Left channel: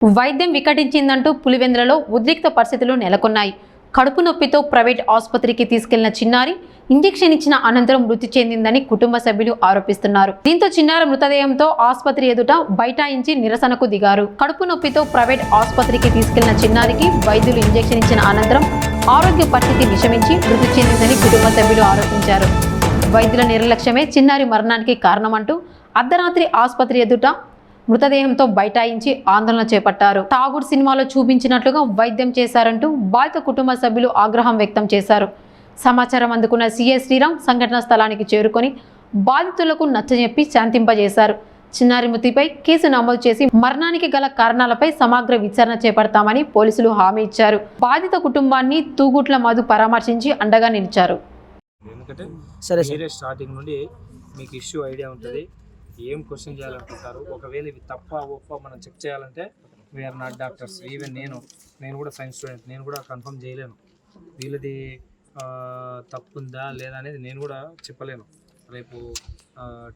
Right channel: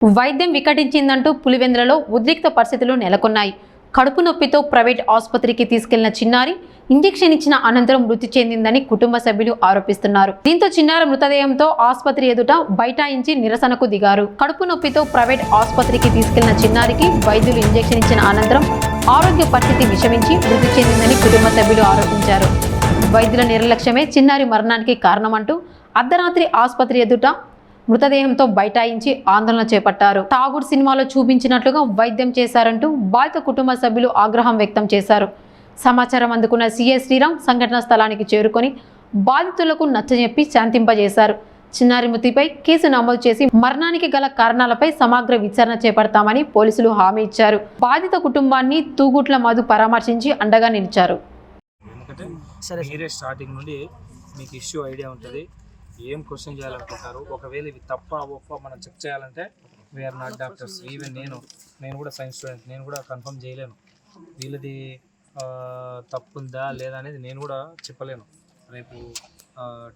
వైద్యం వికటించిందంటూ పులివెందులలో ఉద్రిక్త పరిస్థితులు నెలకొన్నాయి. కడుపు నొప్పితో ప్రైవేట్ ఆసుపత్రికి తీసుకెళ్లిన చిన్నారి ఇంజెక్షన్ ఇచ్చిన అనంతరం మృతి చెందిందని కుటుంబ సభ్యులు ఆరోపిస్తున్నారు. దీంతో చిన్నారి మృతదేహంతో ఆసుపత్రి ఎదుట బైఠాయించి నిరసనకు దిగారు. కడుపు నొప్పితో ప్రైవేట్ ఆసుపత్రికి తీసుకెళ్లిన చిన్నారికి వైద్యులు ఇంజెక్షన్ ఇచ్చిన అనంతరం ఆరోగ్య పరిస్థితి విషమించి మృతి చెందిందని కుటుంబ సభ్యులు ఆరోపించారు. వైద్యుల నిర్లక్ష్యమే చిన్నారి మరణానికి కారణమంటూ అర్ధరాత్రి ఆసుపత్రి ఎదుట మృతదేహంతో బైఠాయించి ఆందోళన చేపట్టారు. ఠాగూర్ సినిమాలో చూపించినట్లుగా వైద్యం చేశారంటూ బాధిత కుటుంబ సభ్యులు ఆగ్రహం వ్యక్తం చేశారు. సమాచారం అందుకున్న సీఐ శ్రీరామ్ సంఘటనా స్థలానికి చేరుకొని బాధితులకు నచ్చజెప్పి శాంతింపజేశారు. చిన్నారి మృతిపై కేసు నమోదు చేసి మరణానికి గల కారణాలపై సమగ్ర విచారణ చేపడతామని పోలీసులు హామీ ఇచ్చారు. బాధిత కుటుంబాన్ని తూగుట్ల మధు పరామర్శించి అండగా నిలిచారు. స్టార్టింగ్ నుండి మీకు ఇష్యూ ఐడియా ఉంటుంది, ఏం క్వశ్చన్ చేయాలనుకుంటారు. ఒకవేళ ఇవి తప్ప ఒప్ప మనం చెక్ చేయాలంటే వీఆర్ నాట్ డాక్టర్స్. ఈవెన్ నేను కూడా సైన్స్ స్టూడెంట్, నేను కూడా కన్ఫర్మ్ చేయలేను వీళ్ళది తప్పుందా లేదా అనేది నేను కూడా చెప్పలేను. రేపు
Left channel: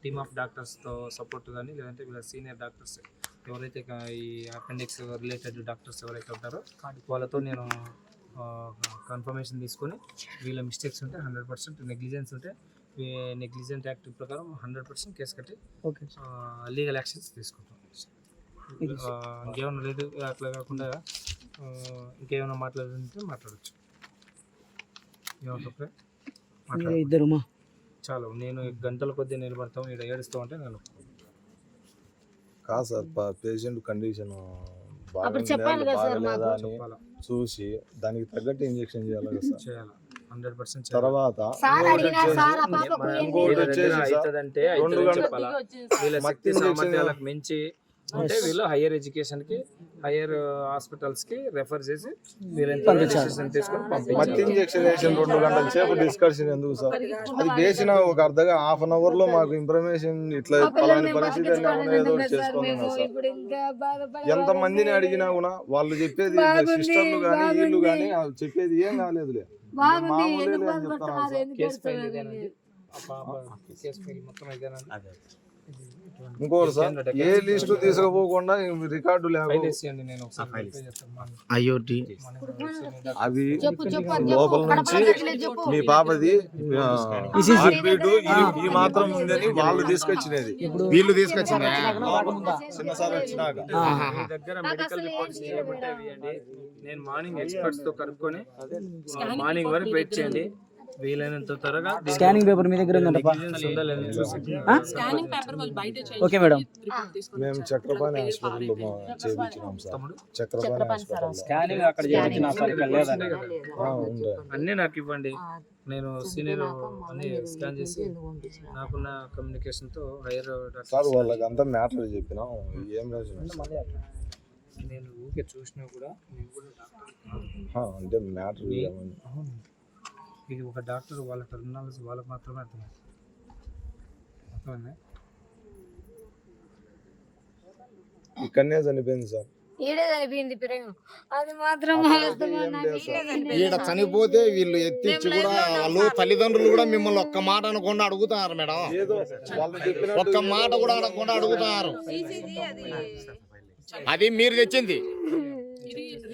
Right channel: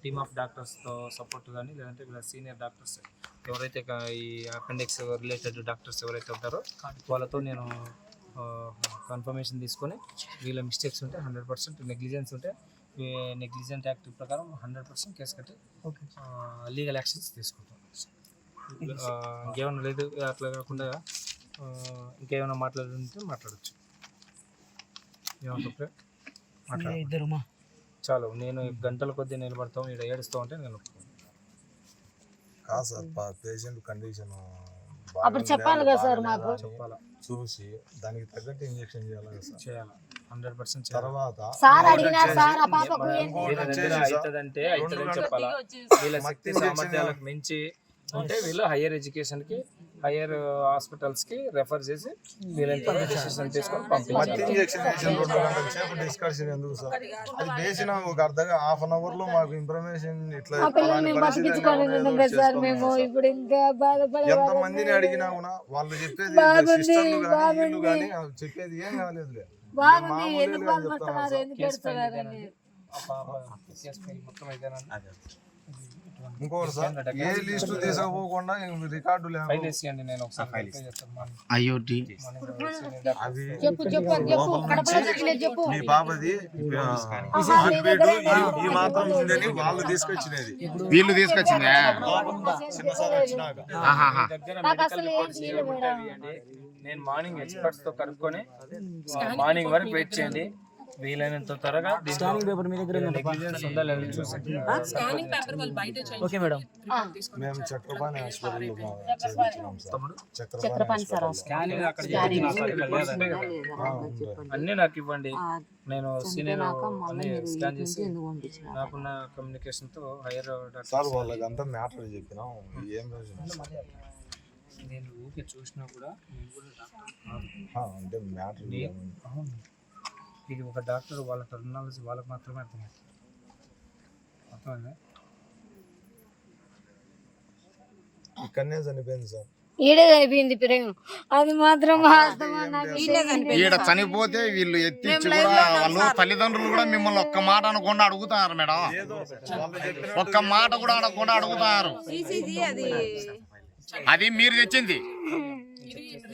టీమ్ ఆఫ్ డాక్టర్స్తో సపోర్ట్ కానీ లేదంటే వీళ్ళ సీనియర్ డాక్టర్స్ ఎవరైతే ఈ అపెండిక్స్ రిలేటెడ్ డాక్టర్స్ ఎవరైతే ఉంటారో వాళ్ళతో నేను కన్ఫర్మేషన్ తీసుకొని వీళ్ళ మిస్టేక్స్ ఉంటే 100% నెగ్లిజెన్స్ ఉంటే నెగ్లిజెంట్ యాక్ట్ ప్రకారం 100% కేసు కట్టి లీగల్ యాక్షన్స్ తీసుకుంటాం. ఇంకేమైనా లేదు అట్లా కాకుండా ఇంకేమైనా మాట్లాడుతుంటే మాట్లాడచ్చు. ఏమంటే చాలు, నేను గంటల కొద్దీ నిలబడతాం, ఇక్కడ ఏడుస్తాం అంటే నేను కాదు సార్. పేషెంట్ కండిషన్ చెప్పాలా, చూసి దానికి తగ్గట్టు ఇంజెక్షన్ చేయాలి. 100% తర్వాత అవుతుందంటే అవుతుందని చెప్పాలా. వీళ్ళ శక్తి సామర్థ్యాలకు మించి ఉంటే వీళ్ళు హయ్యర్ ఎడ్యుకేషన్కి హయ్యర్ హాస్పిటల్స్కి రెఫర్ చేసి వీళ్ళంతా డిసిషన్ తీసుకొని పంపించారు. ఇంజెక్షన్ వేసిన 2 గంటల సేపు డిస్కషన్ ఎందుకు సార్? అది వేసిన ఒక హాఫ్ అన్ అవర్ లో మాకు ఇన్ఫర్మేషన్ ఇట్లా ఎంత మందిని అడిగినా కూడా వాళ్ళు చెప్పేది సిస్టర్లు కానీ వీళ్ళు కానీ చెప్పేది ఏం కాలేదులే. ఇంకోటి సార్, ఏ లిస్ట్ తీసుకుపోకుండా రికార్డు లేదు. ఐఓటి అవి లోపల నుంచి మీ పాపది ఈ మాత్రం ఉందని వాళ్ళు తీసుకొచ్చినది, వీళ్ళు తీసుకొచ్చిందా? చిన్నసారి వచ్చినాక దగ్గర మెడికల్ రిపోర్ట్స్ చేయబట్టే నేను మార్నింగ్ ఎక్స్పర్ట్స్ తో కనుక్కొని మార్నింగ్ వరకు వెయిట్ చేయండి. వీలైనంత త్వరగా స్కానింగ్ పేపర్ మీ దగ్గర ఉందా లేదా చూసి ఓకే మేడం. మేము చక్రపాణి హాస్పిటల్లో చేయించినాం సార్. చక్రపాణి అన్నీ నాకు ఇవ్వండి, నేను సీనియర్ అన్ని స్కాన్ చేసి నాకున్న కమ్యూనికేషన్ తో హైయర్ సార్ వాళ్ళకి అంతా మ్యాటర్ చెప్పినాం. ఏం రాజు నేను ఊరికే చూసినా కూడా అంటే మ్యాటర్ ఇది ఒక డాక్టర్ వాళ్ళ టెర్మినాలజీ వాళ్ళకి మాత్రమే అర్థమైంది. ఇక్కడనే చనిపోయింది సార్. ఈడ చనిపోతే వీళ్ళు ఎత్తిచ్చి కూడా వాళ్ళు తల్లిదండ్రులు కూడా మిమ్మల్ని ఒక్క మాట అనకుండా అడుగుతున్నారు మేడం. ఒక్క మాట కూడా అనకుండా అడుగుతున్నారు. అది మీరు తెచ్చింది,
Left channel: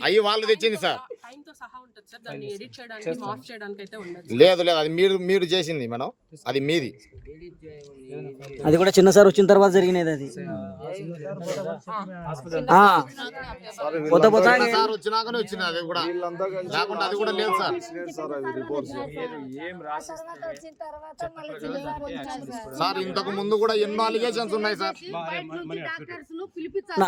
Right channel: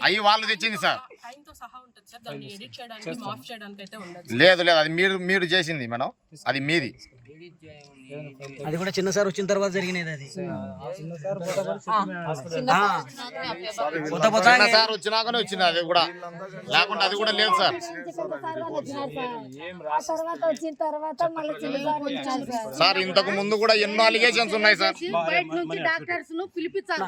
అవి వాళ్ళు తెచ్చింది సార్. లేదు లేదు, అది మీరు చేసింది మేడం, అది మీది. అది కూడా చిన్న సార్ వచ్చిన తర్వాత జరిగినది. అది సార్ వచ్చినాకనే వచ్చింది, అది కూడా లేకుండా అది కూడా లేదు సార్. సార్ ఇంతకు ముందు కూడా ఎన్నో అలిగేషన్స్ ఉన్నాయి సార్.